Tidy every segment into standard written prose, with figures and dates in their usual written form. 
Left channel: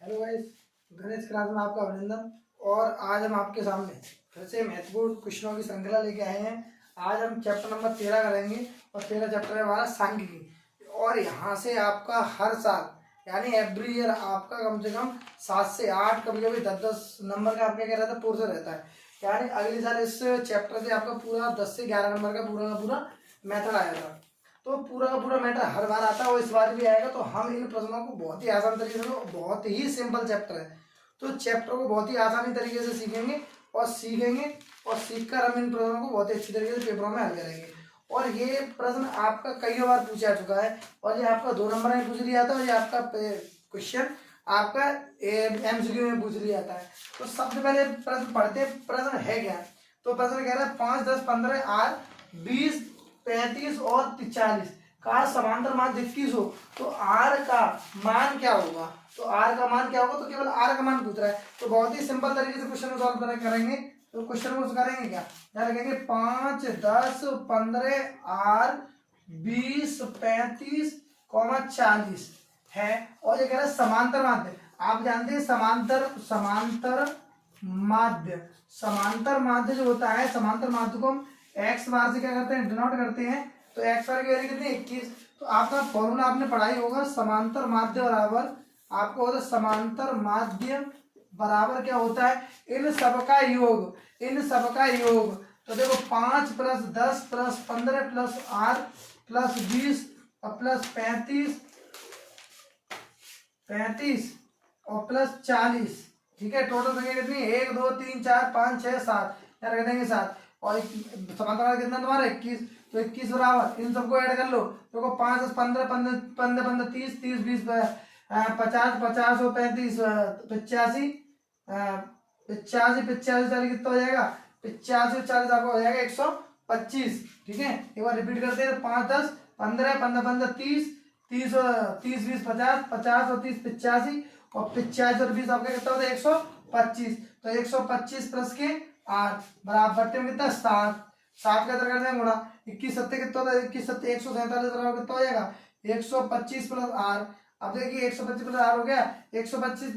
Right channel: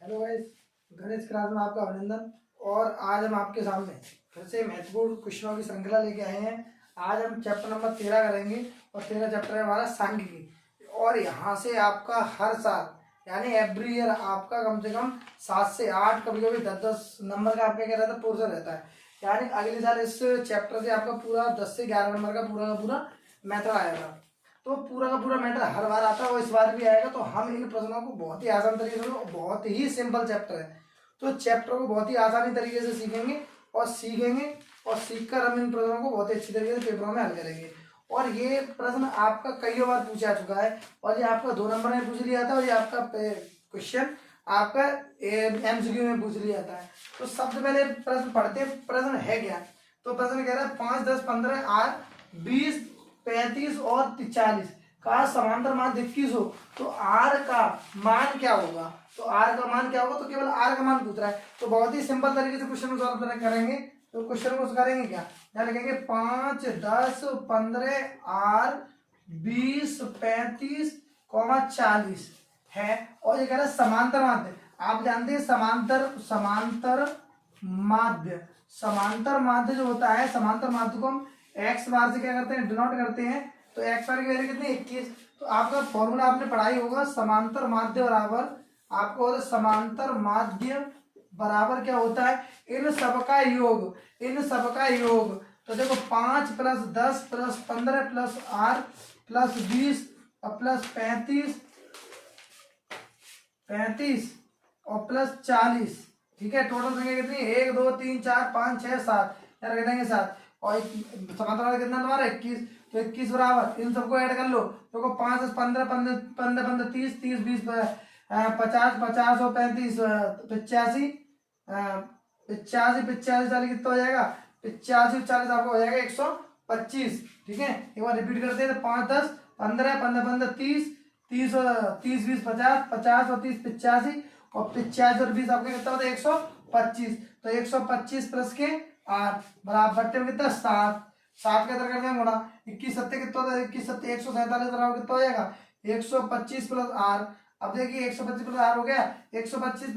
Hello guys, Ganesh class में आपका अभिनंदन। और आज हम आपके सामने फिर से महत्वपूर्ण क्वेश्चनों की श्रृंखला लेके आए हैं। आज हम चैप्टर नंबर 13 करेंगे और 13 चैप्टर है हमारा सांख्यिकी। और यहाँ से आपका हर साल यानी एवरी ईयर आपका कम से कम 7 से 8 कभी कभी 10-10 नंबर का आपका क्या रहता है, पोर्शन रहता है। यानी अगले साल इस चैप्टर से आपका पूरा 10 से 11 नंबर का पूरा मेथड आएगा। तो पूरा का पूरा मैटर हर बार आता है और इस बार भी आएगा। तो हम इन प्रश्नों को बहुत ही आसान तरीके से, बहुत ही सिंपल चैप्टर है, तो चैप्टर को बहुत ही आसानी तरीके से सीखेंगे और सीखकर हम इन प्रश्नों को बहुत ही अच्छी तरीके से पेपरों में हल करेंगे। और ये प्रश्न आपका कई बार पूछा चुका है और ये आपका 2 नंबर में पूछ लिया था और ये आपका क्वेश्चन आपका एमसीक्यू में पूछ लिया था। तो सबसे पहले प्रश्न पढ़ते, प्रश्न है क्या। तो प्रश्न कह रहा है 5, 10, 15 आर 20, 35 और 40 का समांतर मान 21 हो तो आर का मान क्या होगा। तो आर का मान क्या होगा, तो केवल आर का मान पूछ रहा है। तो बहुत ही सिंपल तरीके से क्वेश्चन को सॉल्व करेंगे। तो क्वेश्चन को करेंगे क्या, यहाँ लिखेंगे 5, 10, 15 आर 20, 35, 40 है। और ये कह रहा है समांतर माध्य। आप जानते हैं समांतर माध्य जो होता है, समांतर माध्य को हम एक्स बार से क्या करते हैं, डिनोट करते हैं। तो एक्स बार की वैल्यू कितनी, 21। तो आपका फॉर्मूला आपने पढ़ाई होगा, समांतर माध्य बराबर आपको होता है, समांतर माध्य बराबर क्या होता है, इन सबका योग। तो देखो 5 + 10 + 15 + आर + 20 और + 35 और +40। ठीक है, टोटल संख्या कितनी, 1 2 3 4 5 6 7, यार रख देंगे 7। और समांतर कितना तुम्हारा 21। तो 21 बराबर इन सबको ऐड कर लो। देखो 5 10 15 15 15 15 30 30 20 50 50 और 35 85 85 40 कितना हो जाएगा, 85 40 आपका हो जाएगा 125। ठीक है, एक बार रिपीट करते हैं। तो 5 10 15 15 15 30 30 30 20 50 50 और 30 85 और 85 और 20 आपका कितना होता है 125। तो 125 प्लस के 8 बराबर बट्टे में कितना 7 7 का इधर करते हैं गुणा 21 सत्ते कितना होता है, 21 सत्ते 147 बराबर कितना हो जाएगा 125 प्लस आर। अब देखिए 125 प्लस आर हो गया, 125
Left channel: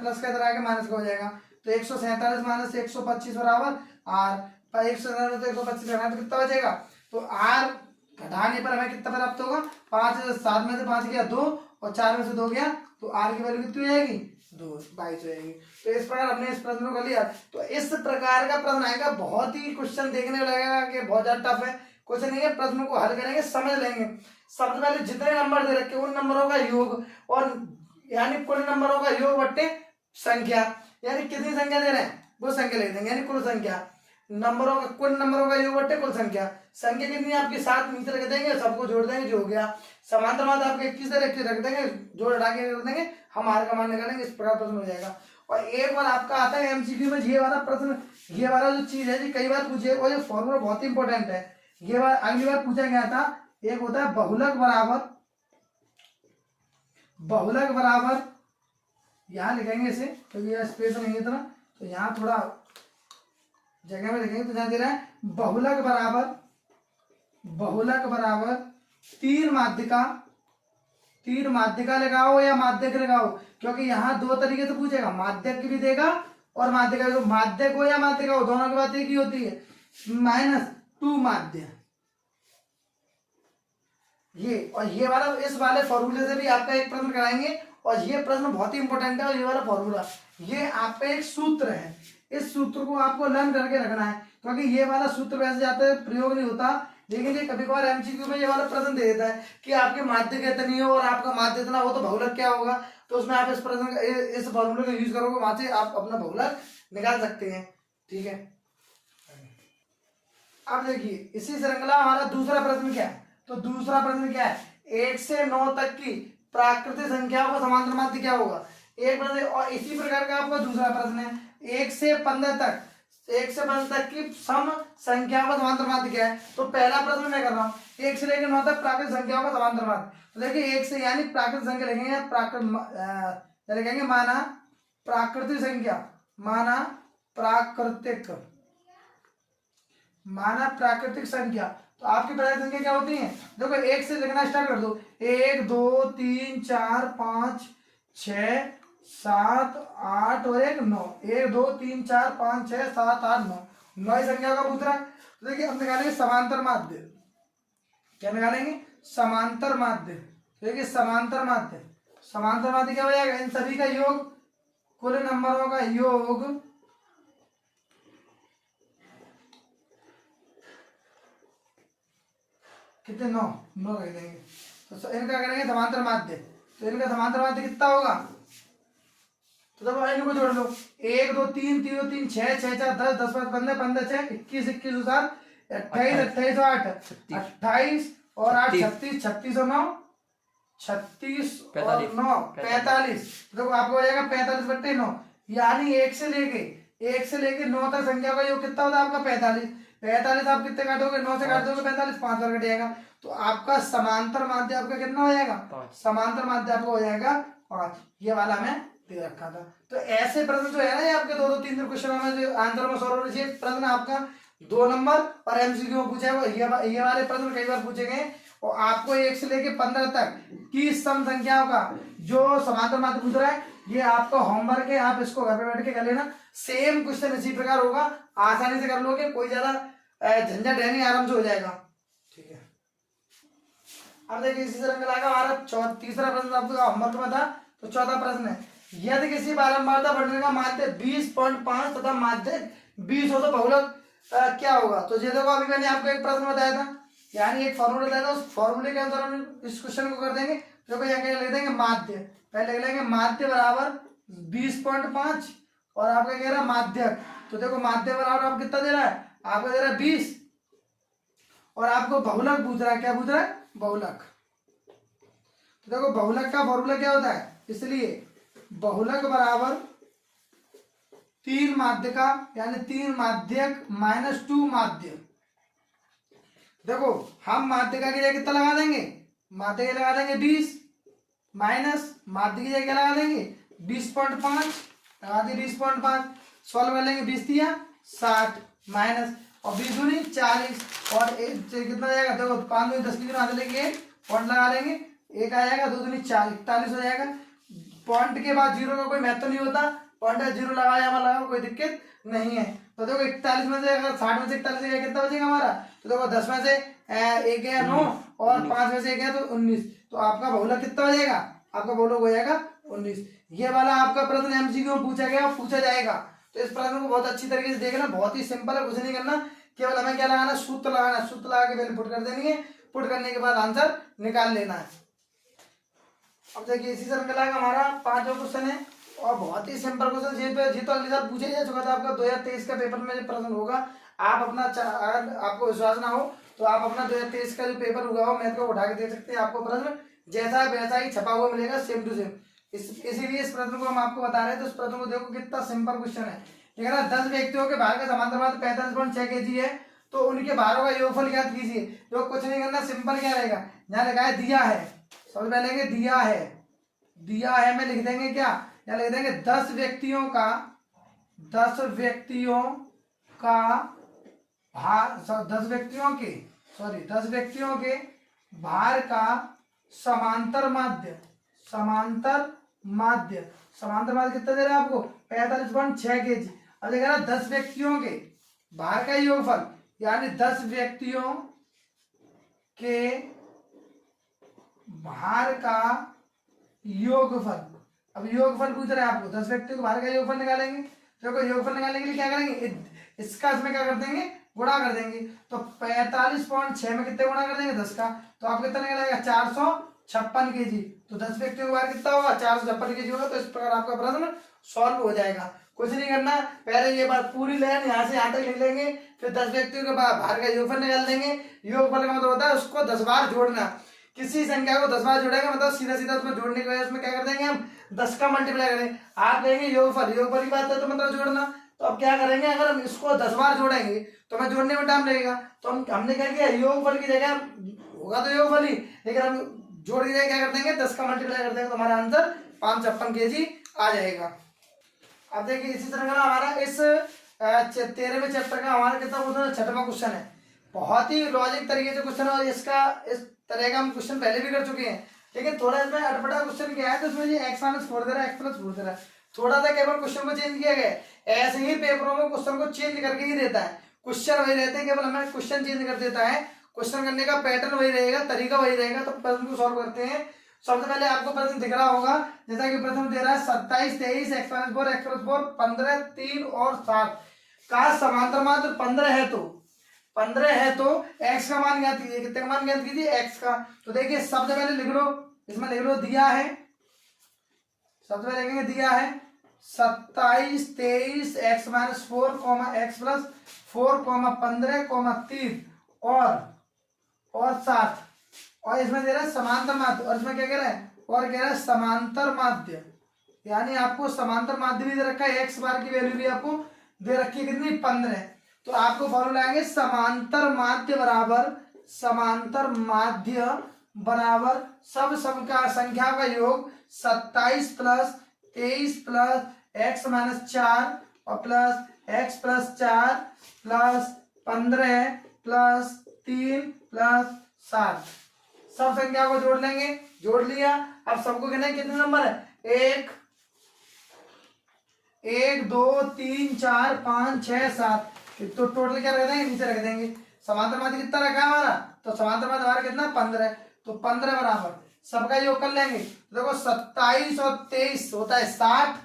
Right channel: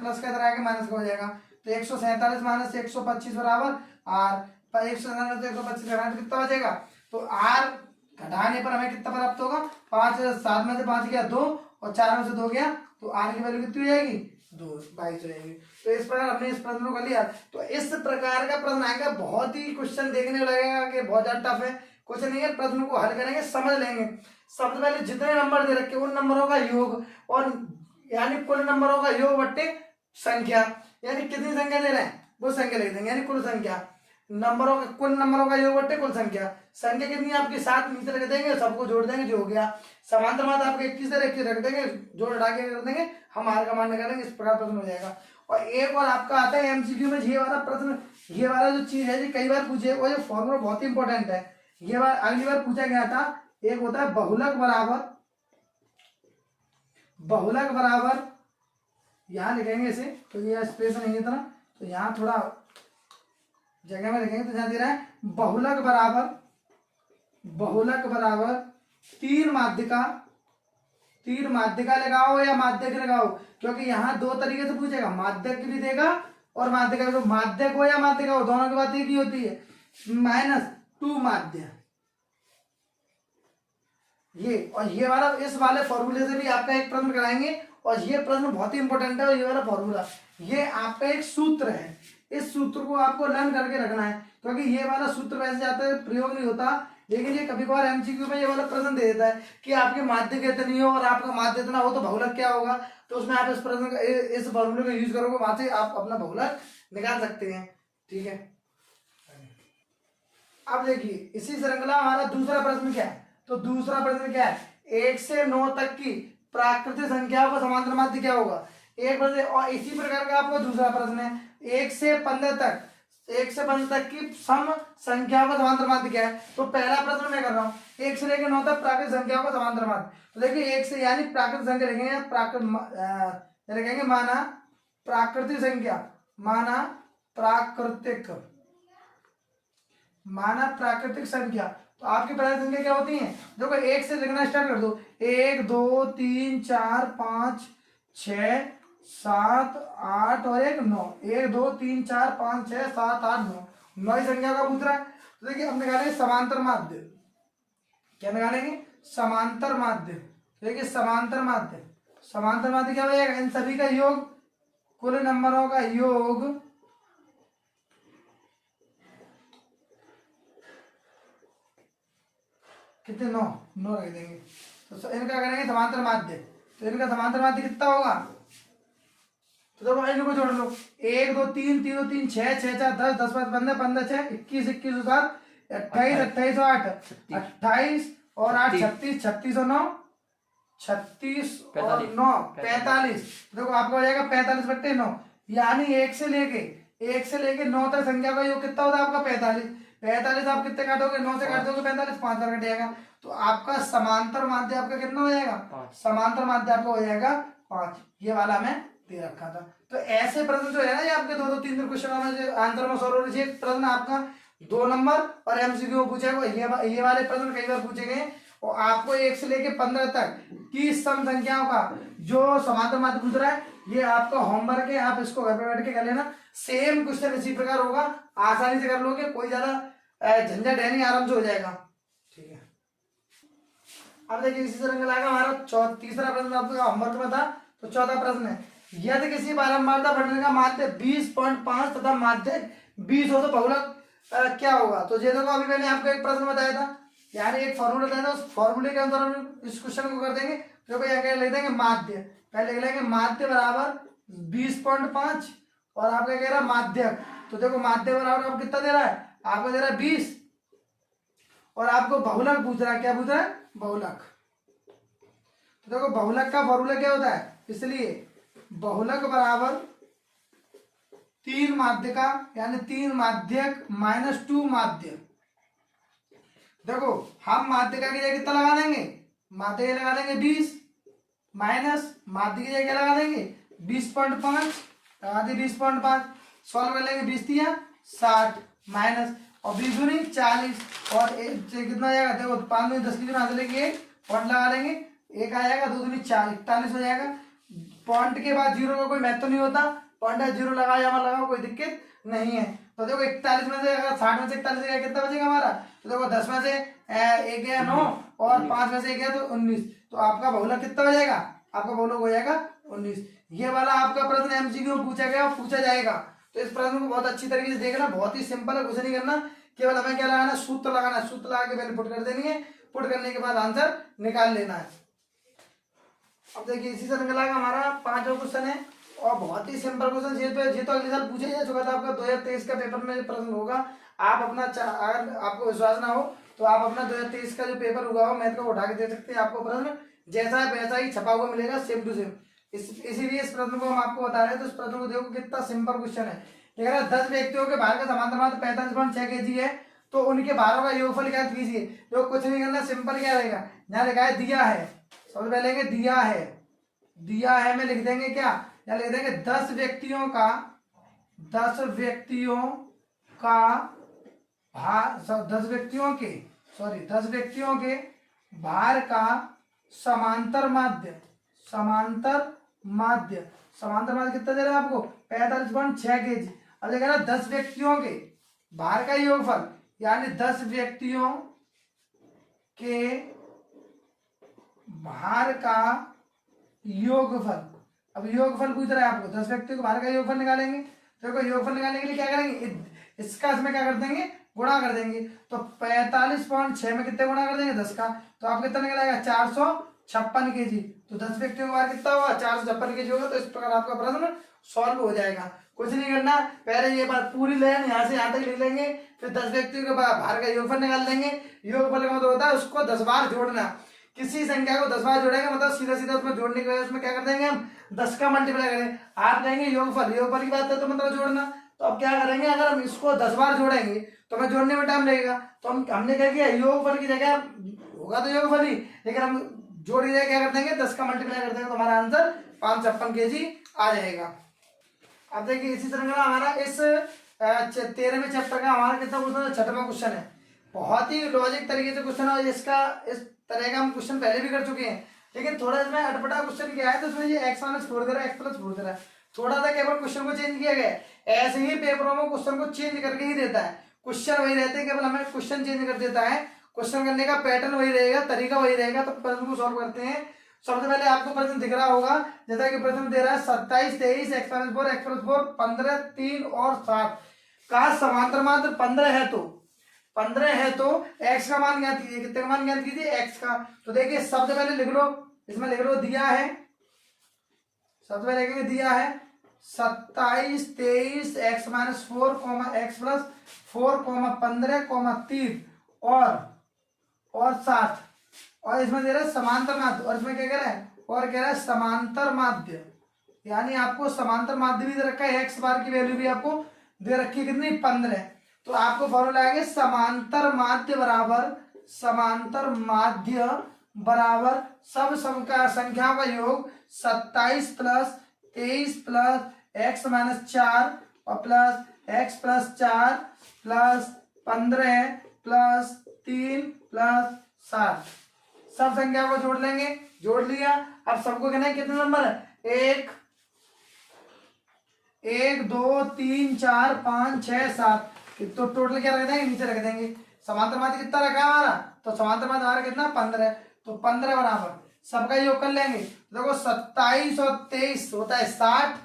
प्लस का इधर आके माइनस का हो जाएगा। तो 147 माइनस 125 बराबर आर। पर 147 125 घटाने तो कितना बचेगा, तो आर घटाने पर हमें कितना प्राप्त होगा, 5 7 में से 5 गया 2 और 4 में से 2 गया, तो आर की वैल्यू कितनी हो जाएगी 2 22 हो जाएगी। तो इस प्रकार हमने इस प्रश्न को कर लिया। तो इस प्रकार का प्रश्न आएगा, बहुत ही क्वेश्चन देखने में लगेगा कि बहुत ज्यादा टफ है क्वेश्चन, नहीं है। प्रश्न को हल करेंगे, समझ लेंगे। सबसे पहले जितने नंबर दे रखे उन नंबरों का योग, और यानी कुल नंबरों का योग बट्टे संख्या, यानी कितनी संख्या दे रहे हैं वो संख्या लिख देंगे, यानी कुल संख्या नंबरों का, कुल नंबरों का योग बट्टे कुल संख्या। संख्या कितनी आपके 7 नीचे रख देंगे, सबको जोड़ देंगे, जो हो गया। समांतर माध्य आपके 21 रख देंगे, जोड़ हटा के रख देंगे, हम आर का मान निकालेंगे। इस प्रकार प्रश्न हो जाएगा। और एक बार आपका आता है एमसीक्यू में ये वाला प्रश्न, ये वाला जो चीज है कई बार पूछे, और ये फॉर्मूला बहुत ही इंपॉर्टेंट है। ये बार अगली बार पूछा गया था, एक होता है बहुलक बराबर, यहां लिखेंगे इसे, तो ये स्पेस नहीं है इतना, तो यहाँ थोड़ा जगह में लिखेंगे। तो जहां दे रहा है बहुलक बराबर 3 माध्यिका लगाओ या माध्यक लगाओ, क्योंकि यहाँ 2 तरीके से पूछेगा, माध्यक भी देगा और माध्यिका भी। तो माध्यक हो या माध्यिका हो, दोनों की बात एक ही होती है, -2 माध्य। ये और ये वाला, इस वाले फॉर्मूले से भी आपका एक प्रश्न कराएंगे, और ये प्रश्न बहुत ही इंपॉर्टेंट है। और ये वाला फॉर्मूला, ये आपका एक सूत्र है, इस सूत्र को आपको लर्न करके रखना है, क्योंकि ये वाला सूत्र वैसे जाते हुए प्रयोग नहीं होता, लेकिन ये कभी कभार एमसीक्यू में ये वाला प्रश्न दे देता है कि आपके माध्य कितनी हो और आपका माध्य इतना हो तो बहुलक क्या होगा। तो उसमें आप इस प्रश्न का, इस फॉर्मूले का यूज करोगे, वहां से आप अपना बहुलक निकाल सकते हैं। ठीक है, अब देखिए इसी श्रृंखला हमारा दूसरा प्रश्न क्या है। तो दूसरा प्रश्न क्या है, 1 से 9 तक की प्राकृतिक संख्याओं का समांतर माध्य क्या होगा, एक प्रश्न। और इसी प्रकार का आपका दूसरा प्रश्न है, 1 से 15 तक की सम संख्याओं का समांतर माध्य क्या है। तो पहला प्रश्न मैं कर रहा हूँ, 1 से लेकर 9 तक प्राकृतिक संख्याओं का समांतर माध्य। तो देखिए 1 से यानी प्राकृतिक संख्या लिखेंगे, माना प्राकृतिक संख्या, माना प्राकृतिक संख्या। तो आपकी प्राकृतिक संख्या क्या होती है, देखो 1 से लिखना स्टार्ट कर दो, 1 2 3 4 5 6 7 8 और 1 9, 1 2 3 4 5 6 7 8 9, 9 ही संख्या का पूछ रहा है। तो देखिए हम निकालेंगे समांतर माध्य। क्या निकालेंगे? समांतर माध्य। देखिए समांतर माध्य, समांतर माध्य क्या हो जाएगा? इन सभी का योग, कुल नंबरों का योग कितने? 9, 9 रख देंगे। तो इनका करेंगे समांतर माध्य। तो इनका समांतर माध्य कितना होगा? तो देखो इनको जोड़ लो, 1 2 3 3 2 3 6 6 4 10 10 5 15 15 6 21 21 और 7 28 28 और 8 28 और 8 36 36 और 9 36 और 9 45। देखो आपको हो जाएगा 45/9, यानी 1 से लेके 9 तक संख्या का योग कितना होता है आपका? 45। 45 आप कितने काटोगे? 9 से काट दोगे 45, 5 बार कट जाएगा। तो आपका समांतर माध्य आपका कितना हो जाएगा? समांतर माध्य आपका हो जाएगा 5। ये वाला मैं दे रखा था। तो ऐसे प्रश्न जो है ना, ये आपके 2 2 3 3 क्वेश्चन में जो आंसर में सॉल्व होने चाहिए। प्रश्न आपका 2 नंबर और एमसीक्यू में पूछा है, ये वाले प्रश्न कई बार पूछे गए। और आपको 1 से लेके 15 तक की सम संख्याओं का जो समांतर माध्य पूछ रहा है, ये आपका होमवर्क है। आप इसको घर पे बैठ के कर लेना। सेम क्वेश्चन इसी प्रकार होगा, आसानी से कर लोगे, कोई ज्यादा झंझट है नहीं, आराम से हो जाएगा। ठीक है, अब देखिए इसी तरह मिलाएगा हमारा तीसरा प्रश्न आपका होमवर्क में था। तो चौथा प्रश्न है, यदि किसी बारंबारता बढ़ने का माध्य 20.5 तथा माध्य 20 हो तो बहुलक क्या होगा? तो ये देखो अभी मैंने आपको एक प्रश्न बताया था, यानी एक फॉर्मूला बताया था, उस फॉर्मूले के अनुसार हम इस क्वेश्चन को कर देंगे। देखो यहाँ लिख देंगे माध्य, पहले लिख लेंगे माध्य बराबर 20.5 और आपका कह रहा है माध्यक। तो देखो माध्य बराबर आप कितना दे रहा है? आपको दे रहा है 20 और आपको बहुलक पूछ रहा है। क्या पूछ रहा है? बहुलक। तो देखो बहुलक का फॉर्मूला क्या होता है, इसलिए बहुलक बराबर 3 माध्य का, यानी 3 माध्यक माइनस 2 माध्य। देखो हम माध्य का की जगह कितना लगा देंगे? माध्य की लगा देंगे 20 माइनस माध्य की जगह लगा देंगे 20.5, लगा दी 20.5। सॉल्व कर लेंगे, 20 दिया 60 माइनस और 20 दूनी 40 और कितना हो जाएगा? देखो 5 दूनी 10 की दूनी आगे लेंगे, पॉइंट लगा लेंगे, 1 आ जाएगा, 2 दूनी 4 41 हो जाएगा। पॉइंट के बाद जीरो का कोई महत्व नहीं होता, पॉइंट है जीरो लगाओ या मत लगाओ कोई दिक्कत नहीं है। तो देखो 41 में से अगर 60 में से 41 गया कितना बचेगा हमारा? तो देखो 10 में से 1 गया 9 और 5 में से 1 गया तो 19। तो आपका बहुलक कितना हो जाएगा? आपका बहुलक हो जाएगा 19। ये वाला आपका प्रश्न एमसीक्यू में पूछा गया और पूछा जाएगा। तो इस प्रश्न को बहुत अच्छी तरीके से देखना, बहुत ही सिंपल है, कुछ नहीं करना, केवल हमें क्या लगाना? सूत्र लगाना। सूत्र लगा के पहले पुट कर देनी है, पुट करने के बाद आंसर निकाल लेना है। अब देखिए इसी तरह मिलाएगा हमारा 5वां क्वेश्चन है और बहुत ही सिंपल क्वेश्चन। ये तो अगले साल पूछा जा चुका था आपका 2023 का पेपर में जो प्रश्न होगा। आप अपना अगर आपको विश्वास ना हो तो आप अपना 2023 का जो पेपर हुआ हो मैथ को उठा के दे सकते हैं। आपको प्रश्न जैसा है वैसा ही छपा हुआ मिलेगा, सेम टू सेम। इसीलिए इस प्रश्न को हम आपको बता रहे हैं। तो इस प्रश्न को देखो कितना सिंपल क्वेश्चन है। ये कह रहा है 10 व्यक्तियों के भार का समांतर माध्य 45.6 kg है, तो उनके भारों का योगफल ज्ञात कीजिए। तो कुछ नहीं करना, सिंपल क्या रहेगा, यहाँ लिखा है दिया है, सबसे पहले दिया है, दिया है में लिख देंगे क्या? या लिख देंगे 10 व्यक्तियों का भार, 10 व्यक्तियों के भार का समांतर माध्य, समांतर माध्य कितना दे रहा है आपको? 45.6 kg। अब देखा ना 10 व्यक्तियों के भार का योगफल, यानी 10 व्यक्तियों के भार का योगफल। अब योगफल पूछ रहा है आपको, 10 व्यक्तियों के भार का योगफल निकालेंगे। देखो योगफल निकालने के लिए क्या करेंगे? इसका इसमें क्या कर देंगे? गुणा कर देंगे। तो 45.6 में कितने गुणा कर देंगे? 10 का। तो आप कितना निकलेगा? 456 kg। तो 10 व्यक्तियों के भार कितना होगा? 456 kg होगा। तो इस प्रकार आपका प्रश्न सॉल्व हो जाएगा। कुछ नहीं करना, पहले ये बात पूरी लाइन यहाँ से यहाँ तक लिख लेंगे, फिर 10 व्यक्तियों के भार का योगफल निकाल देंगे। योगफल का मतलब होता है उसको 10 बार जोड़ना। किसी संख्या को 10 बार जोड़ेगा मतलब सीधा सीधा उसमें जोड़ने के वजह उसमें क्या कर देंगे हम? 10 का मल्टीप्लाई करेंगे। आप कहेंगे योगफल, योगफल की बात है तो मतलब जोड़ना। तो अब क्या करेंगे, अगर हम इसको 10 बार जोड़ेंगे तो हमें जोड़ने में टाइम लगेगा। तो हमने क्या किया, योगफल की जगह होगा तो योगफल ही, लेकिन हम जोड़ की जगह क्या कर देंगे? 10 का मल्टीप्लाई कर देंगे तो हमारा आंसर 556 kg आ जाएगा। अब देखिए इसी तरह का हमारा इस 13वें चैप्टर का हमारा कितना क्वेश्चन? 6वां क्वेश्चन है। बहुत ही लॉजिक तरीके से क्वेश्चन है। इसका इस तरह का हम क्वेश्चन पहले भी कर चुके हैं। लेकिन थोड़ा इसमें अटपटा क्वेश्चन क्या है, तो इसमें ये x माइनस 4 दे रहा है, x प्लस 4 दे रहा है, थोड़ा सा केवल क्वेश्चन को चेंज किया गया है। ऐसे ही पेपरों में क्वेश्चन को चेंज करके ही देता है, क्वेश्चन वही रहते हैं, केवल हमें क्वेश्चन चेंज कर देता है, क्वेश्चन करने का पैटर्न वही रहेगा, तरीका वही रहेगा। तो प्रश्न को सॉल्व करते हैं। सबसे पहले आपको प्रश्न दिख रहा होगा, जैसा कि प्रश्न दे रहा है 27, 23, x माइनस 4, x प्लस 4, 15, 3 और 7 का समांतर मात्र 15 है, तो 15 है तो x का मान ज्ञात कीजिए। कितने का मान ज्ञात कीजिए? x का। तो देखिए सबसे पहले लिख लो, इसमें लिख लो दिया है, सबसे पहले लिखेंगे दिया है 27, 23, x माइनस 4, x प्लस 4, 15, 3 और 7, और इसमें दे रहा है समांतर माध्य, और इसमें क्या कह रहा है? और कह रहा है समांतर माध्य, यानी आपको समांतर माध्य भी दे रखा है, x बार की वैल्यू भी आपको दे रखी है कितनी? 15। तो आपको फॉर्मूला आएंगे समांतर माध्य बराबर सब संख्याओं का योग 27 प्लस 23 प्लस x माइनस 4 और plus x plus 4 plus 15 plus 3 plus 7, सब संख्या को जोड़ लेंगे। जोड़ लिया, अब सबको कहना है कितने नंबर है? 1 2 3 4 5 6 7, तो टोटल क्या रख देंगे? नीचे रख देंगे। समांतर माध्य कितना रखा है हमारा? तो समांतर माध्य हमारा कितना? 15 है, तो 15 बराबर सबका योग कर लेंगे। देखो 27 और 23 होता है 60,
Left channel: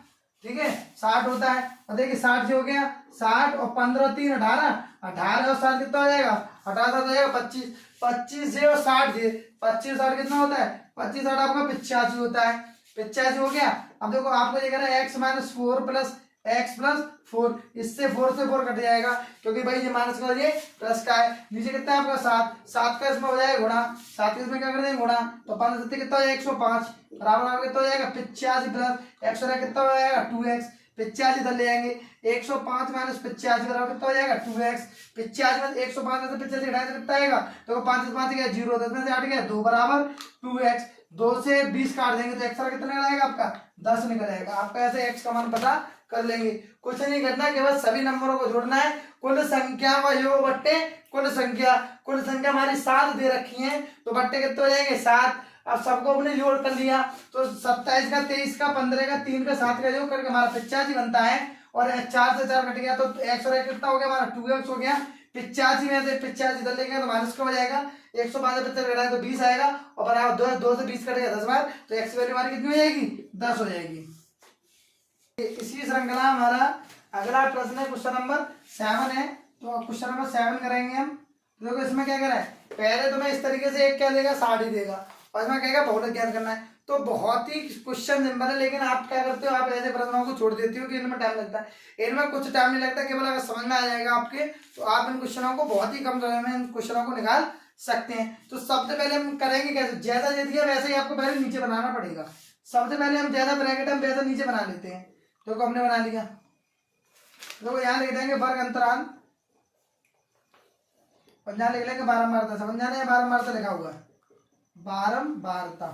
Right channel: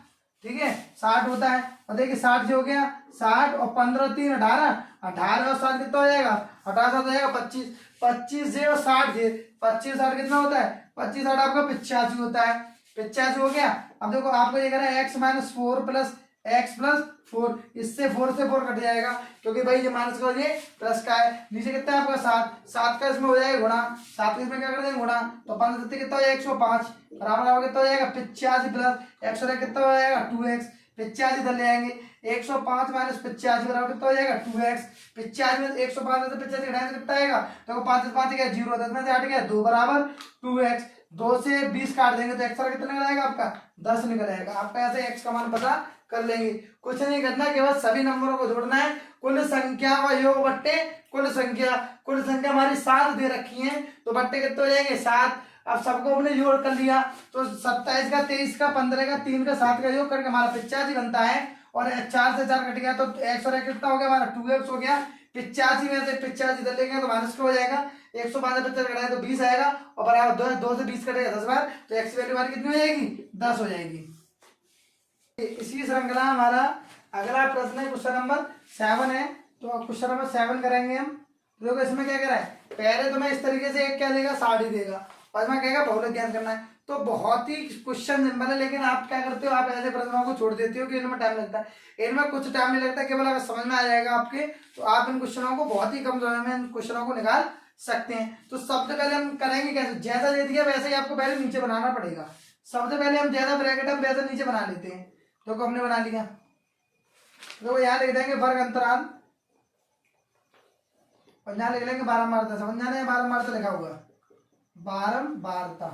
ठीक है, 60 होता है, और देखिए 60 जो हो गया 60 और 15 3 18, 18 और 7 कितना हो जाएगा? 18 हो जाएगा 25, 25 से और 60 से 25 60 कितना होता है? 25 60 आपका 85 होता है, 85 हो गया। अब देखो आपको ये कह रहा है x minus 4 plus x plus 4, इससे 4 से 4 कट जाएगा, क्योंकि भाई ये माइनस का ये प्लस का है। नीचे कितना है आपका? 7 का इसमें हो जाएगा गुणा, 7 के इसमें क्या कर देंगे? गुणा, तो 5 7 कितना हो जाएगा? 105 बराबर कितना हो जाएगा? 85 प्लस x हो कितना हो जाएगा? 2x, 85 इधर ले आएंगे, 105 माइनस 85 बराबर कितना हो जाएगा? 2x, 85 में 105 में से 85 घटाएंगे तो कितना आएगा? तो 5 5 गया 0, 10 में से 8 गया 2 बराबर 2x, 2 से 20 काट देंगे तो x का कितना निकल आएगा? आपका 10 निकल आएगा। आपका ऐसे x का मान पता कर लेंगे। कुछ नहीं करना, केवल सभी नंबरों को जोड़ना है। कुल संख्या का योग बट्टे कुल संख्या हमारी 7 दे रखी है, तो बट्टे कितने हो जाएंगे? 7। अब सबको अपने जोड़ कर लिया, तो 27 का 23 का 15 का 3 का 7 का योग करके हमारा 85 बनता है, और 4 से 4 कट गया तो x और कितना हो गया? हमारा 2x हो गया। 85 में से 85 इधर लेंगे तो माइनस का हो जाएगा, 105 से 75 घटाए तो 20 आएगा, और बराबर 2 से 20 कटेगा 10 बार, तो x वैल्यू हमारी कितनी हो जाएगी? 10 हो जाएगी। इसी श्रृंखला हमारा अगला प्रश्न है, क्वेश्चन नंबर 7 है, तो क्वेश्चन नंबर 7 करेंगे हम। देखो इसमें क्या कह रहा है? पहले तुम्हें इस तरीके से एक क्या देगा? 60 देगा, और इसमें कहेगा बहुलक ज्ञात करना है। तो बहुत ही क्वेश्चन सिंपल है, लेकिन आप क्या करते हो? आप ऐसे प्रश्नों को छोड़ देते हो कि इनमें टाइम लगता है। इनमें कुछ टाइम नहीं लगता, केवल अगर समझ में आ जाएगा आपके, तो आप इन क्वेश्चनों को बहुत ही कम समय में इन क्वेश्चनों को निकाल सकते हैं। तो सबसे पहले हम करेंगे कैसे? जैसा दे दिया वैसे ही आपको पहले नीचे बनाना पड़ेगा। सबसे पहले हम ज्यादा ब्रैकेट हम वैसा नीचे बना लेते हैं। तो हमने बना लिया, तो यहाँ लिख देंगे वर्ग अंतराल, और यहाँ लिख लेंगे बारंबारता। समझ जाना है बारंबारता लिखा हुआ है, बारंबारता।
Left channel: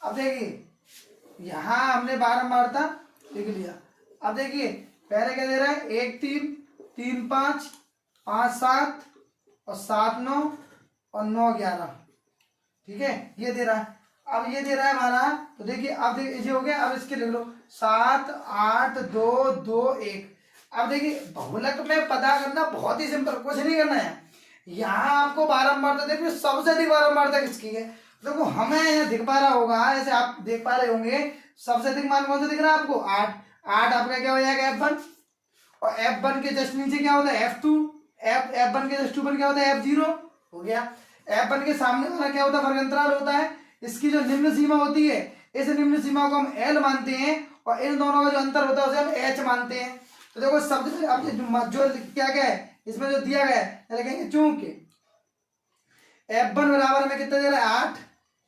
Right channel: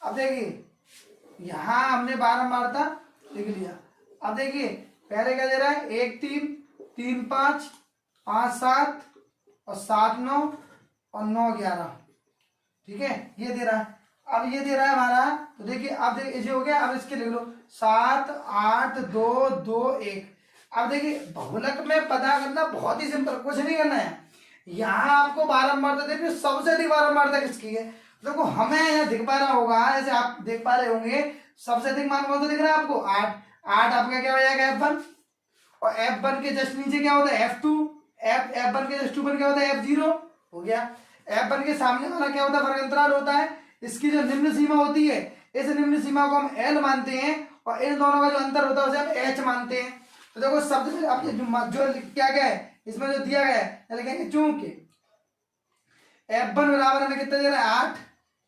अब देखिए यहाँ हमने बारंबारता लिख लिया। अब देखिए पहले क्या दे रहा है? 1 3 3 5 5 7 और 7 9 और 9 11, ठीक है, ये दे रहा है। अब ये दे रहा है हमारा, तो देखिए अब ये हो गया। अब इसके लिख लो 7 8 2 2 1। अब देखिए बहुलक में पता करना बहुत ही सिंपल, कुछ नहीं करना है। यहाँ आपको बारंबारता देखिए, सबसे अधिक बारंबारता किसकी है? देखो हमें यहाँ दिख पा रहा होगा, ऐसे आप देख पा रहे होंगे, सबसे अधिक मान कौन सा दिख रहा है आपको? 8। 8 आपका क्या हो जाएगा? F1, और F1 के जस्ट नीचे क्या होता है? F2, F1 के जस्ट ऊपर क्या होता है? F0 हो गया। F1 के सामने वाला क्या होता है? वर्ग अंतराल होता है। इसकी जो निम्न सीमा होती है, इस निम्न सीमा को हम L मानते हैं, और इन दोनों का जो अंतर होता है उसे हम H मानते हैं। तो देखो सबसे अब जो क्या क्या है इसमें जो दिया गया है, लिखेंगे चूंकि F1 बराबर हमें कितना दे रहा है? 8,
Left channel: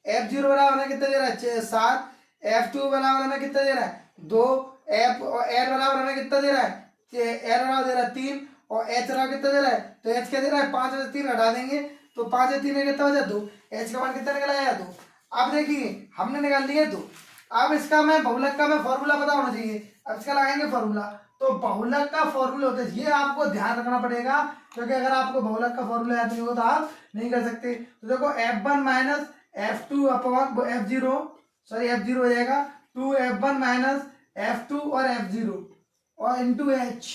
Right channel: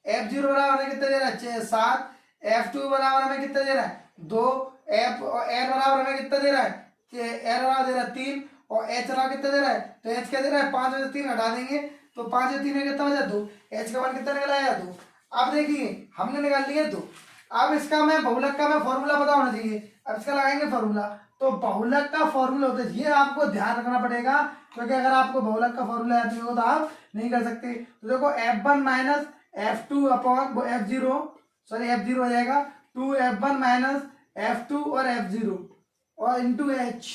F0 बराबर हमें कितना दे रहा है? 7, F2 बराबर हमें कितना दे रहा है? 2, F और L बराबर हमें कितना दे रहा है? L बराबर दे रहा है 3, और H बराबर कितना दे रहा है? तो H क्या दे रहा है? 5 में से 3 हटा देंगे तो 5 से 3 में कितना हो जाए? 2। H का मान कितना निकल आया? 2। अब देखिए हमने निकाल लिया 2। अब इसका मैं बहुलक का मैं फॉर्मूला पता होना चाहिए। अब इसका लगाएंगे फॉर्मूला, तो बहुलक का फॉर्मूला होता है, ये आपको ध्यान रखना पड़ेगा, क्योंकि अगर आपको बहुलक का फॉर्मूला याद नहीं होगा तो आप नहीं कर सकते। तो देखो F1 minus F2 upon F0, sorry F0 हो जाएगा 2F1 माइनस F2 और F0 और इंटू H।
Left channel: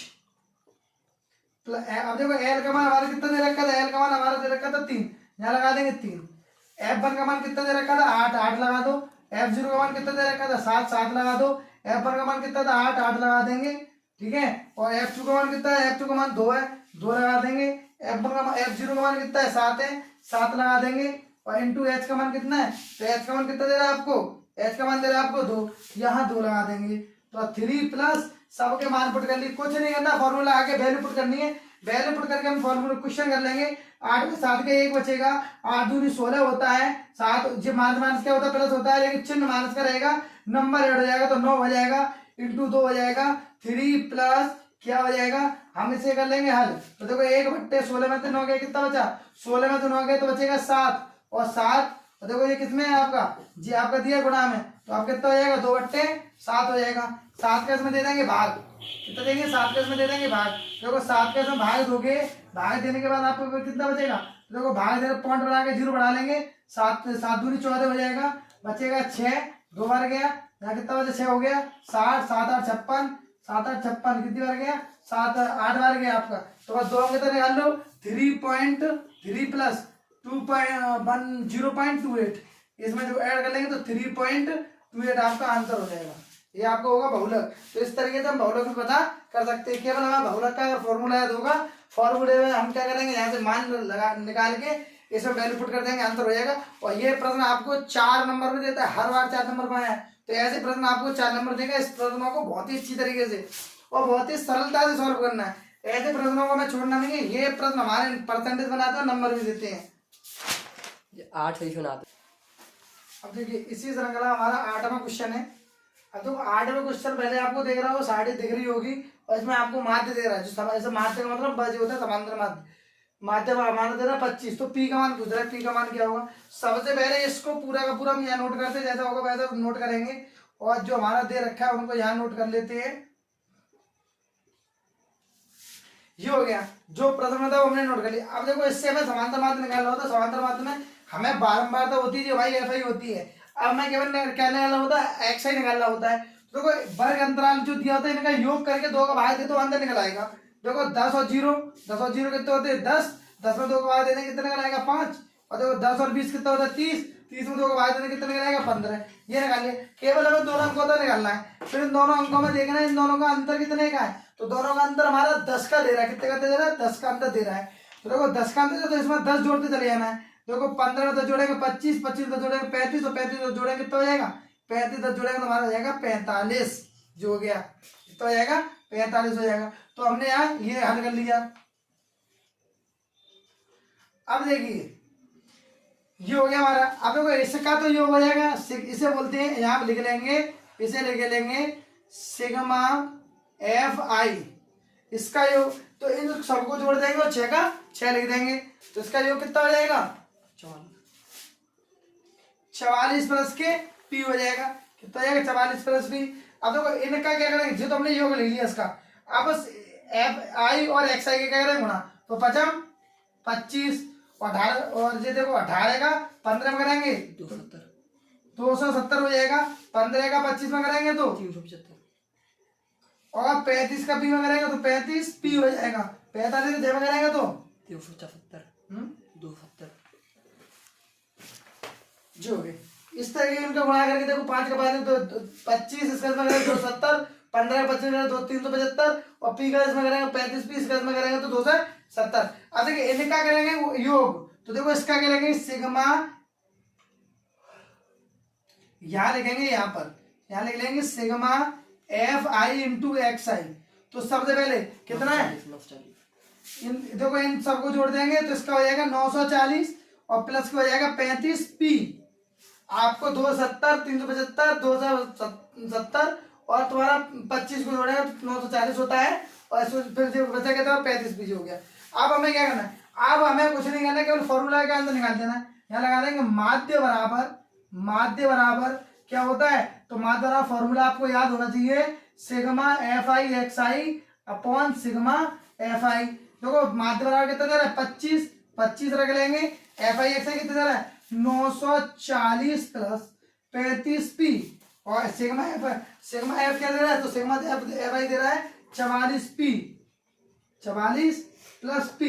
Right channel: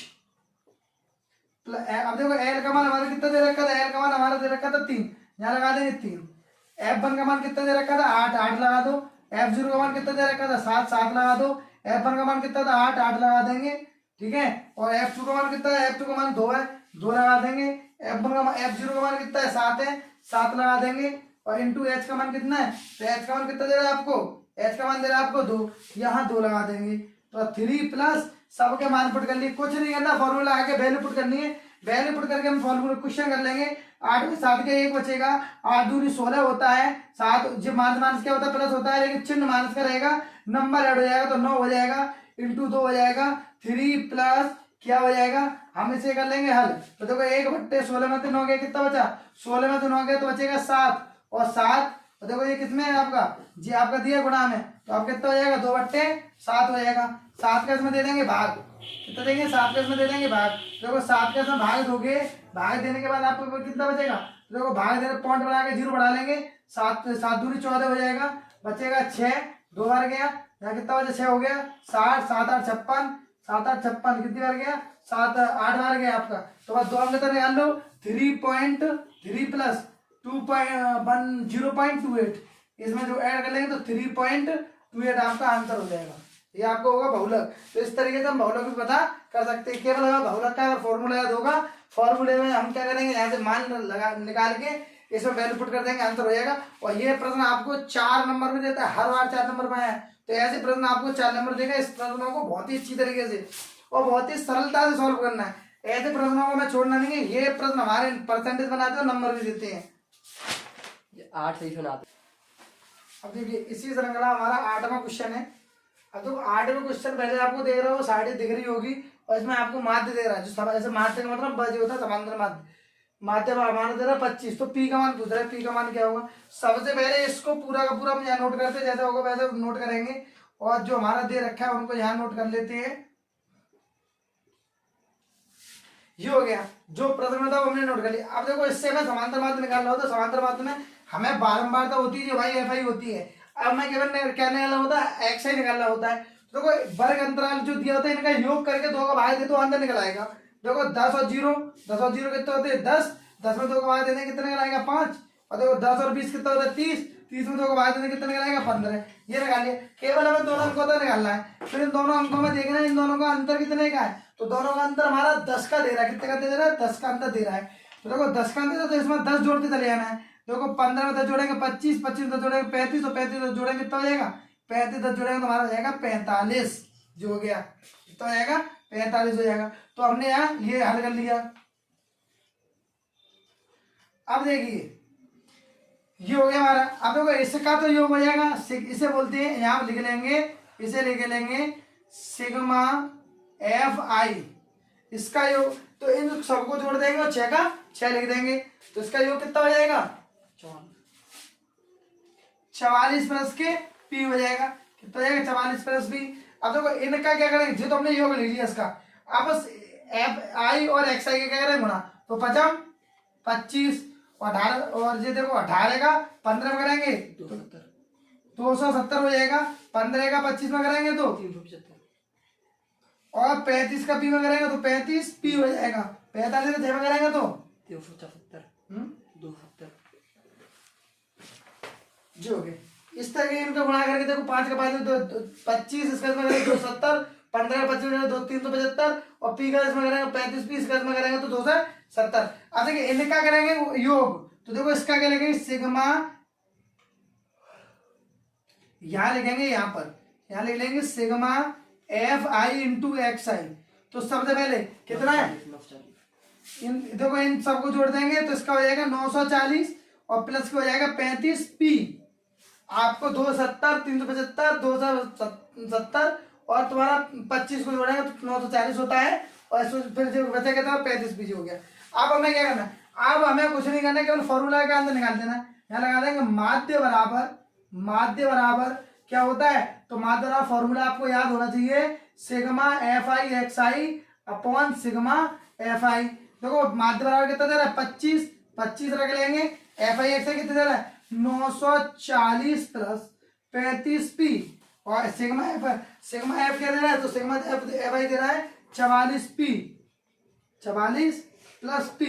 अब देखो L का मान हमारा कितना दे रखा था, L का मान हमारा दे रखा था 3, यहाँ लगा देंगे 3। F1 का मान कितना दे रखा था 8, 8 लगा दो। F0 का मान कितना दे रखा था 7, 7 लगा दो। F1 का मान कितना था 8, 8 लगा देंगे, ठीक है। और F2 का मान कितना है, F2 का मान 2 है, 2 लगा देंगे। F1 का मान, F0 का मान कितना है 7 है, 7 लगा देंगे। और इंटू H का मान कितना है, तो H का मान कितना दे रहा है आपको, H का मान दे रहा है आपको 2, यहाँ 2 लगा देंगे। तो 3 प्लस सबके मान पुट कर लिए, कुछ नहीं करना, फॉर्मूला आके वैल्यू पुट करनी है। वैल्यू पुट करके हम फॉर्मूला क्वेश्चन कर लेंगे। 8 में 7 के 1 बचेगा, 8 दूनी 16 होता है, 7 जो माइनस क्या होता है प्लस होता है, लेकिन चिन्ह माइनस का रहेगा, नंबर ऐड हो जाएगा तो 9 हो जाएगा, इंटू 2 हो जाएगा। 3 प्लस क्या हो जाएगा, हम इसे कर लेंगे हल। तो देखो 1/16 में से 9 गया, कितना बचा, 16 में से 9 गया तो बचेगा 7, और 7 तो देखो ये किसमें है आपका, जी आपका दिया गुणा में, तो आप कितना हो जाएगा 2/7 हो जाएगा। 7 का इसमें दे देंगे भाग, कितना देंगे 7 का इसमें दे देंगे भाग। देखो 7 का इसमें भाग दोगे, भाग देने के बाद आपको कितना बचेगा, देखो भाग देने पॉइंट बढ़ा के 0 बढ़ा लेंगे, 7 7 दूनी 14 हो जाएगा, बचेगा 6, 2 बार गया, यहाँ कितना बचा 6 हो गया, 60, 7 8 56, 7 8 56 कितनी बार गया, 7 8 बार गया आपका। तो बस 2 अंक तो निकाल लो, 3.3 प्लस 0.28, इसमें जो ऐड कर लेंगे तो 3.28 आपका आंसर हो जाएगा। ये आपको होगा बहुलक। तो इस तरीके से हम बहुलक भी पता कर सकते हैं। केवल हमें बहुलक का अगर फॉर्मूला याद होगा, फॉर्मूले में हम क्या करेंगे, यहाँ से मान लगा निकाल के इसमें वैल्यू पुट कर देंगे, आंसर हो जाएगा। और ये प्रश्न आपको 4 नंबर भी देता है, हर बार 4 नंबर पाया है, तो ऐसे प्रश्न आपको 4 नंबर देगा। इस प्रश्नों को बहुत ही अच्छी तरीके से और बहुत ही सरलता से सॉल्व करना है, ऐसे प्रश्नों को मैं छोड़ना नहीं है। ये प्रश्न हमारे परसेंटेज बनाते हैं, नंबर भी देते हैं। 8 सही सुना। अब देखिए इसी श्रृंखला हमारा 8वां क्वेश्चन है। अब तो 8वां क्वेश्चन पहले आपको देख रहा हो, साड़ी दिख रही होगी, और इसमें आपको माध्य दे रहा है, जो ऐसे माध्य का मतलब बज होता है समांतर माध्य, माध्य मान दे रहा है 25। तो पी का मान पूछ रहा है, पी का मान क्या होगा। सबसे पहले इसको पूरा का पूरा हम यहाँ नोट करते, जैसा होगा वैसे नोट करेंगे, और जो हमारा दे रखा है उनको यहाँ नोट कर लेते हैं। ये हो गया, जो प्रथम था वो हमने नोट कर लिया। अब देखो इससे हमें समांतर माध्य निकालना होता है, समांतर माध्य में हमें बारंबारता होती है, भाई एफ आई होती है। अब मैं केवल क्या निकालना होता है, एक्स आई निकालना होता है। तो देखो वर्ग अंतराल जो दिया होता है, इनका योग करके 2 का भाग दे तो अंदर निकल आएगा। देखो 10 और 0, 10 और 0 कितने होते हैं 10, 10 में 2 का भाग देने कितने निकल आएगा 5। और देखो 10 और 20 कितना होता है 30, 30 में 2 का भाग देने कितने निकल आएगा 15। ये निकाल लिया, केवल हमें दोनों अंकों का निकालना है। फिर इन दोनों अंकों में देखना है इन दोनों का अंतर कितने का है, तो दोनों का अंतर हमारा 10 का दे रहा है। कितने का दे रहा है, 10 का अंतर दे रहा है। तो देखो 10 का अंतर, तो इसमें 10 जोड़ते चले जाना है। देखो 15 में 10 जोड़ेंगे 25, 25 में 10 जोड़ेंगे 35, और 35 में 10 जोड़ेंगे कितना हो जाएगा 35, 10 जोड़ेंगे तो हमारा हो जाएगा 45, जो हो गया कितना हो जाएगा 45 हो जाएगा। तो हमने यहाँ ये हल कर लिया। अब देखिए ये हो गया हमारा। अब देखो इसका तो योग हो जाएगा, इसे बोलते हैं, यहाँ लिख लेंगे, इसे लिख लेंगे सिग्मा एफ आई, इसका योग। तो इन सबको जोड़ देंगे और 6 का 6 लिख देंगे, तो इसका योग कितना हो जाएगा 44 प्लस के पी हो जाएगा। कितना हो जाएगा 44 प्लस पी। अब देखो इनका क्या करेंगे, जो तो हमने योग ले लिया इसका, अब एफ आई और एक्स आई के क्या करेंगे गुणा, तो 55 25 और 18, और ये देखो 18 का 15 में करेंगे 270 हो जाएगा। 15 का 25 में करेंगे तो 375, और 35 का पी में करेंगे तो 35 पी हो जाएगा। 45 का 6 में करेंगे तो 375, 270 जो हो गए। इस तरह के इनको गुणा करके देखो 5 का 5 तो 25, इसका इसमें करेंगे 270, 15 का 25 में 375, और पी का इसमें करेंगे 35 पी, इसका इसमें करेंगे तो 270। अब देखिए इनका करेंगे योग, तो देखो इसका क्या लिखेंगे सिग्मा, यहाँ लिखेंगे, यहाँ लिख लेंगे sigma F I into X I. तो सबसे पहले कितना है, देखो इन सबको जोड़ देंगे तो इसका हो जाएगा 940, और प्लस का हो जाएगा 35 पी। आपको 270, 375, 270 और तुम्हारा 25 को जोड़ेगा तो 940 होता है, और इसमें फिर जो बचा कितना 35 पी हो गया। अब हमें क्या करना है, अब हमें कुछ नहीं करना है, केवल फॉर्मूला के अंदर निकाल देना है। यहाँ लगा देंगे माध्य बराबर क्या होता है, तो माध्य बराबर फॉर्मूला आपको याद होना चाहिए, sigma F I X I upon sigma F आई। देखो माध्य बराबर कितना दे रहा है 25, 25 रख लेंगे, एफ आई एक्स आई कितना दे रहा है 940 प्लस 35p और सिग्मा एफ क्या दे रहा है, तो सिग्मा एफ आई दे रहा है 44p, 44 प्लस p।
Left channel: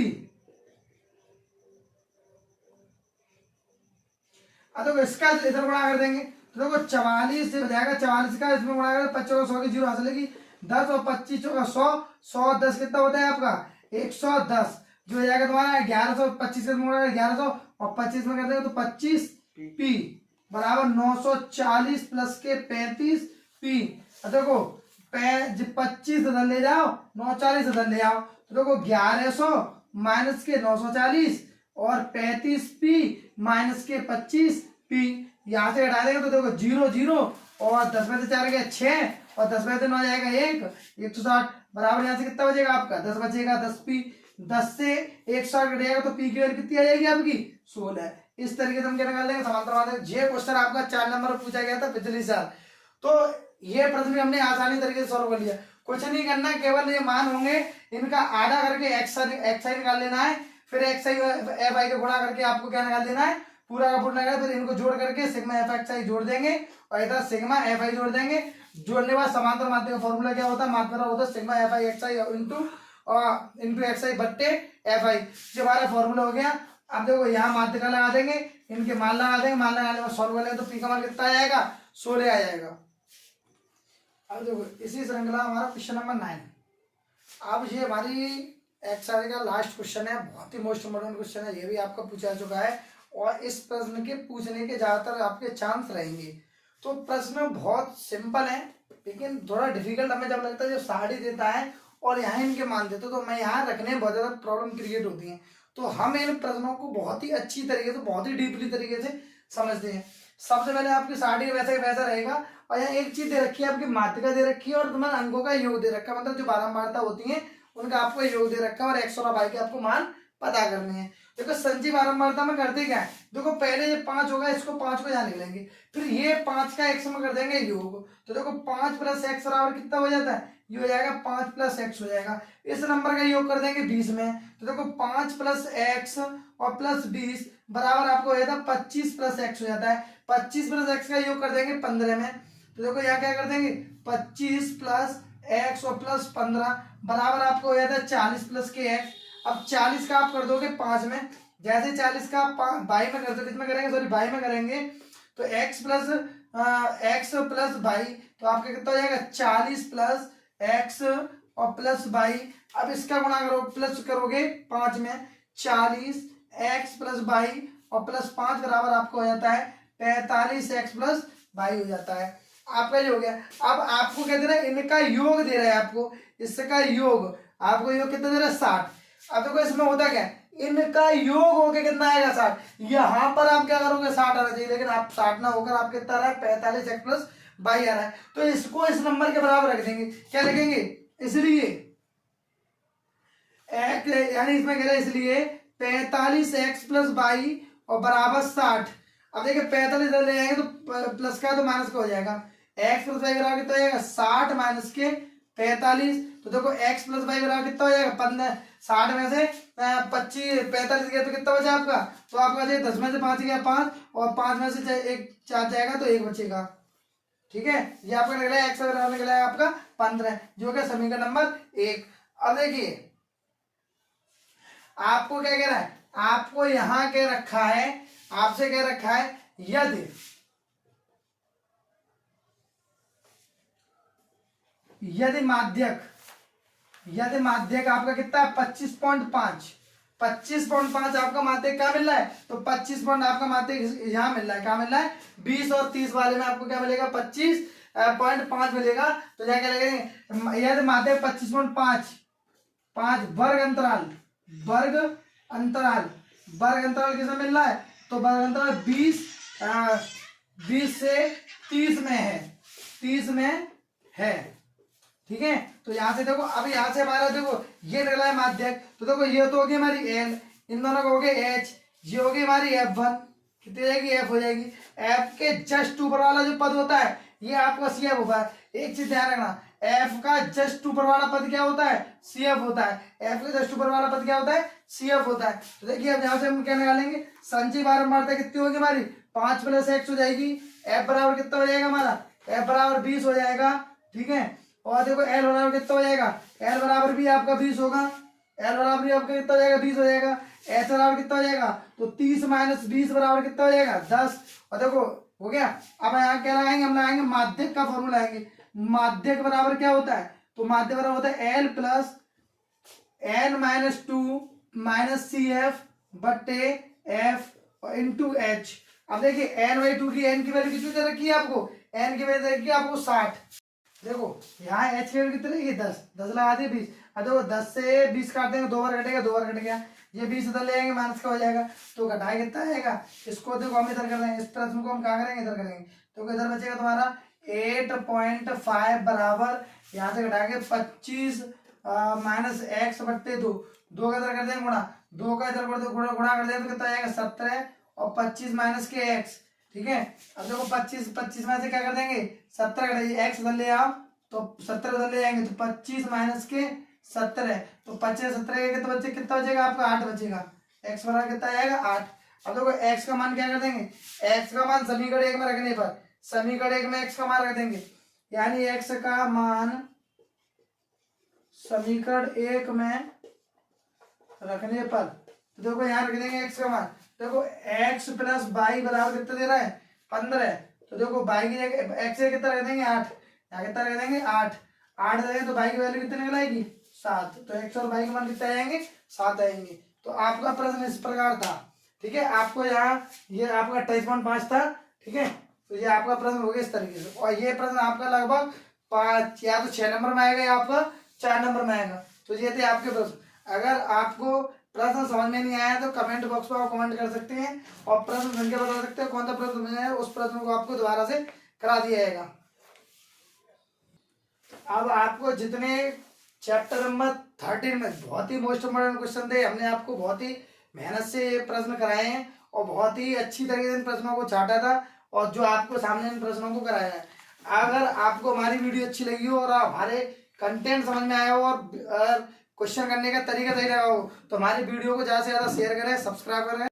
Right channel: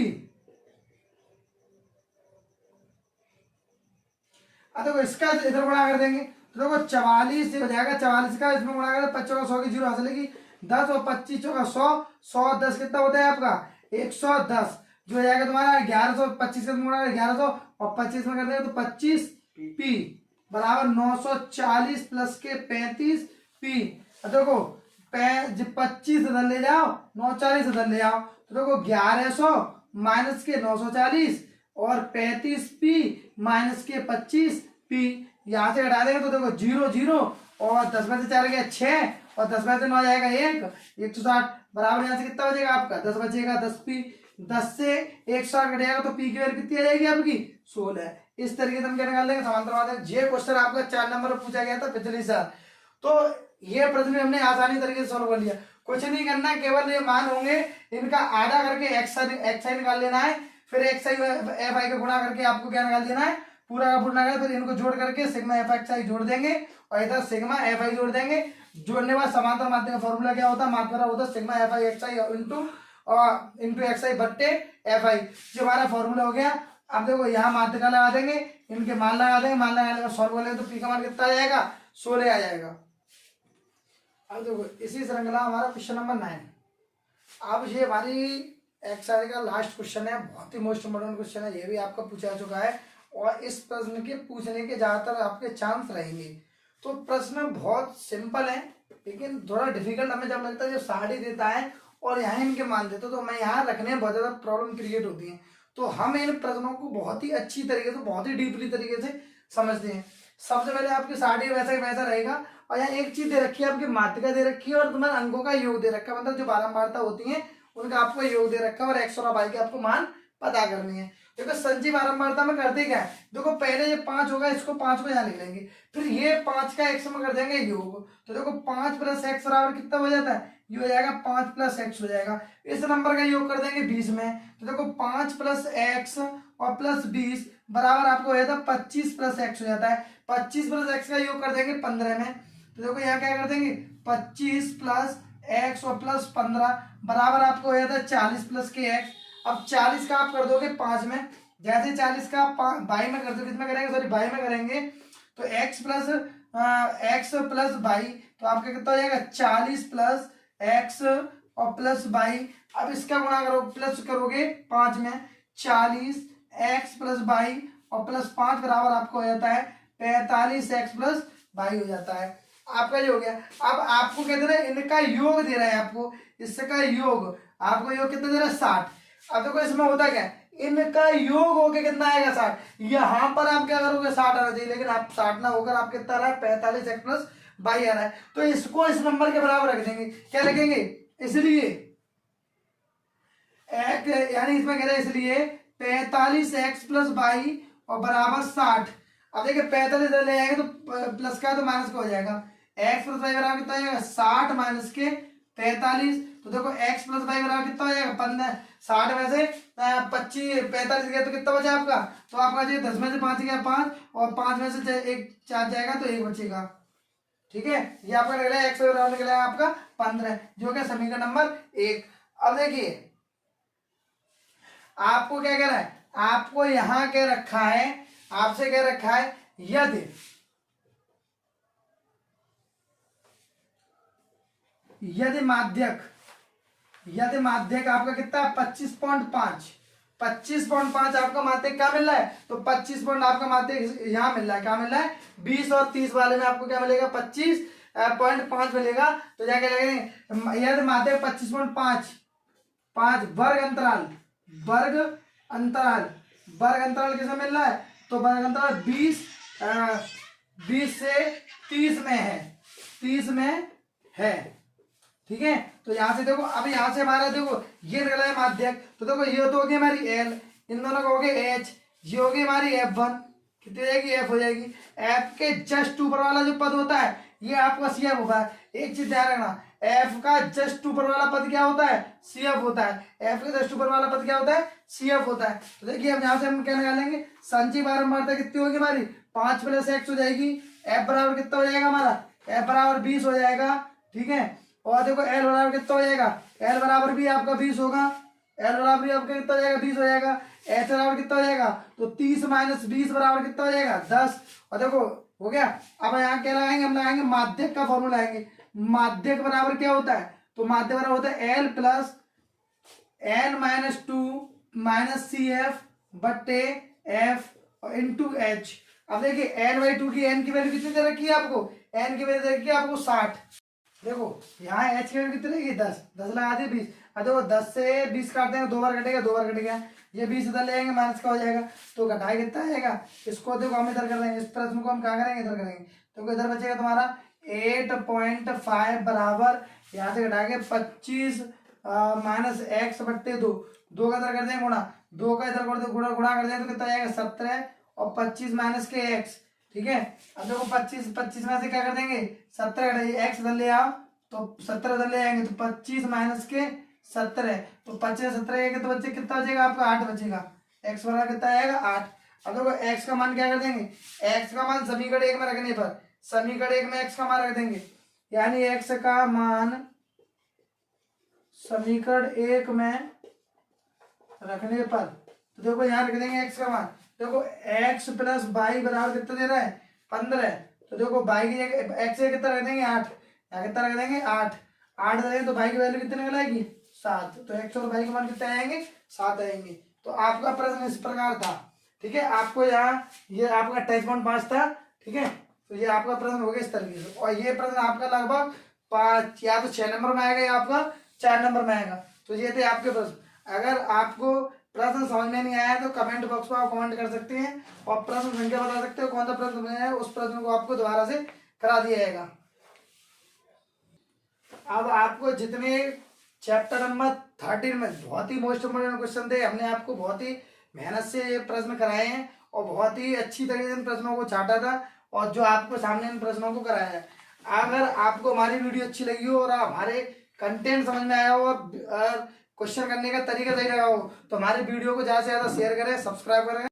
देखो इसका इधर गुणा कर देंगे तो देखो 44 से हो जाएगा, 44 का इसमें गुणा कर 25 का 100 की जीरो हासिल की 10 और 25 का 100, 100 10 कितना होता है आपका 110, जो हो जाएगा तुम्हारा 1125 का गुणा 1100 और 25 में कर देंगे तो 25p बराबर 940 प्लस के 35p। देखो 25 इधर ले जाओ, 940 इधर ले आओ तो देखो 1100 माइनस के 940 और 35p माइनस के 25p, यहाँ से हटा देंगे तो देखो 0 0 और 10 में से 4 गया 6 और 10 में से 9 जाएगा 160 बराबर यहाँ से कितना हो जाएगा आपका 10 बचेगा 10p, 10 से 160 कटेगा तो p की वैल्यू कितनी आ जाएगी आपकी 16। इस तरीके से हम क्या निकाल लेंगे समांतर माध्यक। ये क्वेश्चन आपका 4 नंबर पर पूछा गया था पिछले साल, तो ये प्रश्न भी हमने आसानी तरीके से सॉल्व कर लिया। कुछ नहीं करना है, केवल ये मान होंगे इनका आधा करके एक्स आई निकाल लेना है, फिर एक्स आई एफ आई को गुणा करके आपको क्या निकाल देना है पूरा का पूरा निकाल, फिर इनको जोड़ करके सिग्मा एफ एक्स आई जोड़ देंगे और इधर सिग्मा एफ आई जोड़ देंगे। जोड़ने के बाद समांतर माध्यक का फॉर्मूला क्या होता है, मात्रा होता है sigma F I X I into X I बट्टे एफ आई। ये हमारा फॉर्मूला हो गया। अब देखो यहाँ माध्यिका लगा देंगे, इनके मान लगा देंगे, मान लगाने में सॉल्व कर लेंगे तो पी का मान कितना आ जाएगा 16 आ जाएगा। अब देखो इसी श्रृंखला हमारा क्वेश्चन नंबर 9। अब ये हमारी एक्सआर का लास्ट क्वेश्चन है, बहुत ही मोस्ट इम्पोर्टेंट क्वेश्चन है, ये भी आपका पूछा चुका है और इस प्रश्न के पूछने के ज्यादातर आपके चांस रहेंगे। तो प्रश्न बहुत सिंपल है लेकिन थोड़ा डिफिकल्ट हमें जब लगता है, जो साड़ी देता है और यहाँ इनके मान देते तो मैं यहाँ रखने में बहुत ज्यादा प्रॉब्लम क्रिएट होती है। तो हम इन प्रश्नों को बहुत ही अच्छी तरीके से, बहुत ही डीपली तरीके से समझते हैं। सबसे पहले आपकी साड़ी वैसा ही वैसा रहेगा और यहाँ एक चीज दे रखी है, आपकी मात्रा दे रखी है और तुम्हारे अंकों का योग दे रखा है, मतलब जो बारंबारता होती है उनका आपको योग दे रखा है और एक्स और वाई के आपको मान पता करने हैं। देखो संजीव बारंबारता में करते क्या है, देखो पहले ये 5 होगा, इसको 5 को यहाँ लिख लेंगे, फिर ये 5 का एक्स में कर देंगे योग, तो देखो 5 प्लस एक्स बराबर कितना हो जाता है, ये हो जाएगा 5 प्लस एक्स हो जाएगा। इस नंबर का योग कर देंगे 20 में, तो देखो 5 प्लस एक्स और प्लस 20 बराबर आपको हो जाता है 25 प्लस एक्स हो जाता है। 25 प्लस एक्स का योग कर देंगे 15 में, तो देखो यहाँ क्या कर देंगे 25 प्लस एक्स और प्लस 15 बराबर आपको हो जाता है 40 प्लस के एक्स। अब 40 का आप कर दोगे 5 में, जैसे 40 का बाई में कर दो, कितना करेंगे सॉरी बाई में करेंगे तो एक्स प्लस बाई, तो आपका कितना हो जाएगा 40 प्लस एक्स और प्लस बाई। अब इसका गुणा करो, प्लस करोगे 5 में, 40 एक्स प्लस बाई और प्लस 5 बराबर आपको हो जाता है 45 एक्स प्लस बाई हो जाता है। आपका ये हो गया। अब आपको क्या दे रहा है, इनका योग दे रहा है आपको, इसका योग आपको योग कितना दे रहा है 60। अब देखो इसमें होता क्या है, इनका योग होके कितना आएगा 60, यहाँ पर आप क्या करोगे 60 आना चाहिए, लेकिन आप 60 ना होकर आप कितना आ रहा है 45 एक्स प्लस बाई आ रहा है, तो इसको इस नंबर के बराबर रख देंगे। क्या लिखेंगे, इसलिए यानी इसमें कह रहे हैं इसलिए 45 एक्स प्लस बाई और बराबर 60। अब देखिए 45 ले आएंगे तो प्लस का है तो माइनस का हो जाएगा, एक्स प्लस बाई बराबर कितना हो जाएगा 60 माइनस के 45, तो देखो एक्स प्लस बाई बराबर कितना हो जाएगा 15, 60 में से 25 45 गया तो कितना बचा आपका, तो आपका जो 10 में से 5 गया 5 और 5 में से 1 4 जाएगा तो 1 बचेगा। ठीक है, ये आपका निकला है एक्स बराबर निकला है आपका 15, जो कि समीकरण नंबर 1। अब देखिए आपको क्या कह रहा है, आपको यहां क्या रखा है, आपसे क्या रखा है, यदि माध्यक आपका कितना है 25.5 आपका माध्यक क्या मिल रहा है, तो 25 पॉइंट आपका माध्यक यहाँ मिल रहा है, क्या मिल रहा है 20 और 30 वाले में आपको क्या मिलेगा 25.5 मिलेगा। तो क्या करेंगे, यदि माध्यक 25.5 वर्ग अंतराल किसे मिल रहा है, तो वर्ग अंतराल 20 से 30 में है, 30 में है। ठीक है, तो यहां से देखो, अब यहां से हमारा देखो ये निकला है माध्यक, तो देखो ये तो होगी हमारी एल, इन दोनों को हो गए एच, ये होगी हमारी F1, कितनी हो जाएगी एफ हो जाएगी। एफ के जस्ट ऊपर वाला जो पद होता है ये आपका सी एफ होगा। एक चीज ध्यान रखना, एफ का जस्ट ऊपर वाला पद क्या होता है, सी एफ होता है। एफ का जस्ट ऊपर वाला पद क्या होता है, सी एफ होता है। तो देखिए अब यहाँ से हम क्या निकालेंगे, संचयी बारंबारता कितनी होगी हमारी, 5 + x हो जाएगी। एफ बराबर कितना हो जाएगा हमारा, एफ बराबर 20 हो जाएगा, ठीक है। और देखो एल बराबर कितना हो जाएगा, एल बराबर भी आपका 20 होगा, एल बराबर भी आपका कितना हो जाएगा, 20 हो जाएगा। एच बराबर कितना हो जाएगा, तो 30 - 20 बराबर कितना हो जाएगा, 10। और देखो हो गया। अब यहाँ क्या लगाएंगे, हम लगाएंगे माध्यक का फॉर्मूला लगाएंगे। माध्यक बराबर क्या होता है, तो माध्यक बराबर होता है एल प्लस n - 2 - CF बट्टे F इंटू एच। अब देखिए n/2 की n की वैल्यू कितनी दे रखी है आपको, n की वैल्यू दे रखी है आपको 60। देखो यहाँ h की वैल्यू कितनी रहेगी, 10, 10 लगा दिए 20। अब देखो 10 से 20 काट देंगे, 2 बार कटेगा, 2 बार कटेगा, ये 20 इधर ले आएंगे, माइनस का हो जाएगा, तो घटाए कितना आएगा। इसको देखो हम इधर कर देंगे, इस प्रश्न को हम क्या करेंगे, इधर करेंगे, तो इधर बचेगा तुम्हारा 8.5 बराबर, यहाँ से घटा के 25 - x बट्टे 2, 2 का इधर कर देंगे गुणा, 2 का इधर गुणा कर देंगे तो कितना आएगा 17 और 25 माइनस के x, ठीक है। अब देखो 25 में से क्या कर देंगे 17 कटेंगे, x इधर ले आओ तो 17 इधर ले आएंगे, तो 25 माइनस के 17, तो 25 17 के तो बच्चे कितना बचेगा आपका 8 बचेगा, x बराबर कितना आएगा 8। अब देखो x का मान क्या कर देंगे, x का मान समीकरण 1 में रखने पर, समीकरण 1 में x का मान रख देंगे, यानी x का मान समीकरण 1 में रखने पर, तो देखो यहाँ रख देंगे x का मान। देखो x + y बराबर कितना दे रहा है 15, तो देखो y की जगह x से कितना रख देंगे 8, यहाँ कितना रख देंगे 8, 8 देंगे तो y की वैल्यू कितने निकल आएगी 7, तो x और y के मान कितने आएंगे 7 आएंगे। तो आपका प्रश्न इस प्रकार था, ठीक है। आपको यहाँ ये आपका 28.5 था, ठीक है। तो ये आपका प्रश्न हो गया इस तरीके से, और ये प्रश्न आपका लगभग 5 या तो 6 नंबर में आएगा या आपका 4 नंबर में आएगा। तो ये थे आपके प्रश्न। अगर आपको प्रश्न समझ में नहीं आया तो कमेंट बॉक्स में आप कमेंट कर सकते हैं और प्रश्न सुन के बता सकते हो कौन सा प्रश्न समझ आया, उस प्रश्न को आपको दोबारा से करा दिया जाएगा। अब आपको जितने चैप्टर नंबर 13 में बहुत ही मोस्ट इम्पोर्टेंट क्वेश्चन थे, हमने आपको बहुत ही मेहनत से ये प्रश्न कराए हैं और बहुत ही अच्छी तरीके से इन प्रश्नों को छाटा था और जो आपको सामने इन प्रश्नों को कराया है। अगर आपको हमारी वीडियो अच्छी लगी हो और हमारे कंटेंट समझ में आया हो और क्वेश्चन करने का तरीका सही रहा हो तो हमारी वीडियो को ज्यादा से ज्यादा शेयर करें, सब्सक्राइब करें।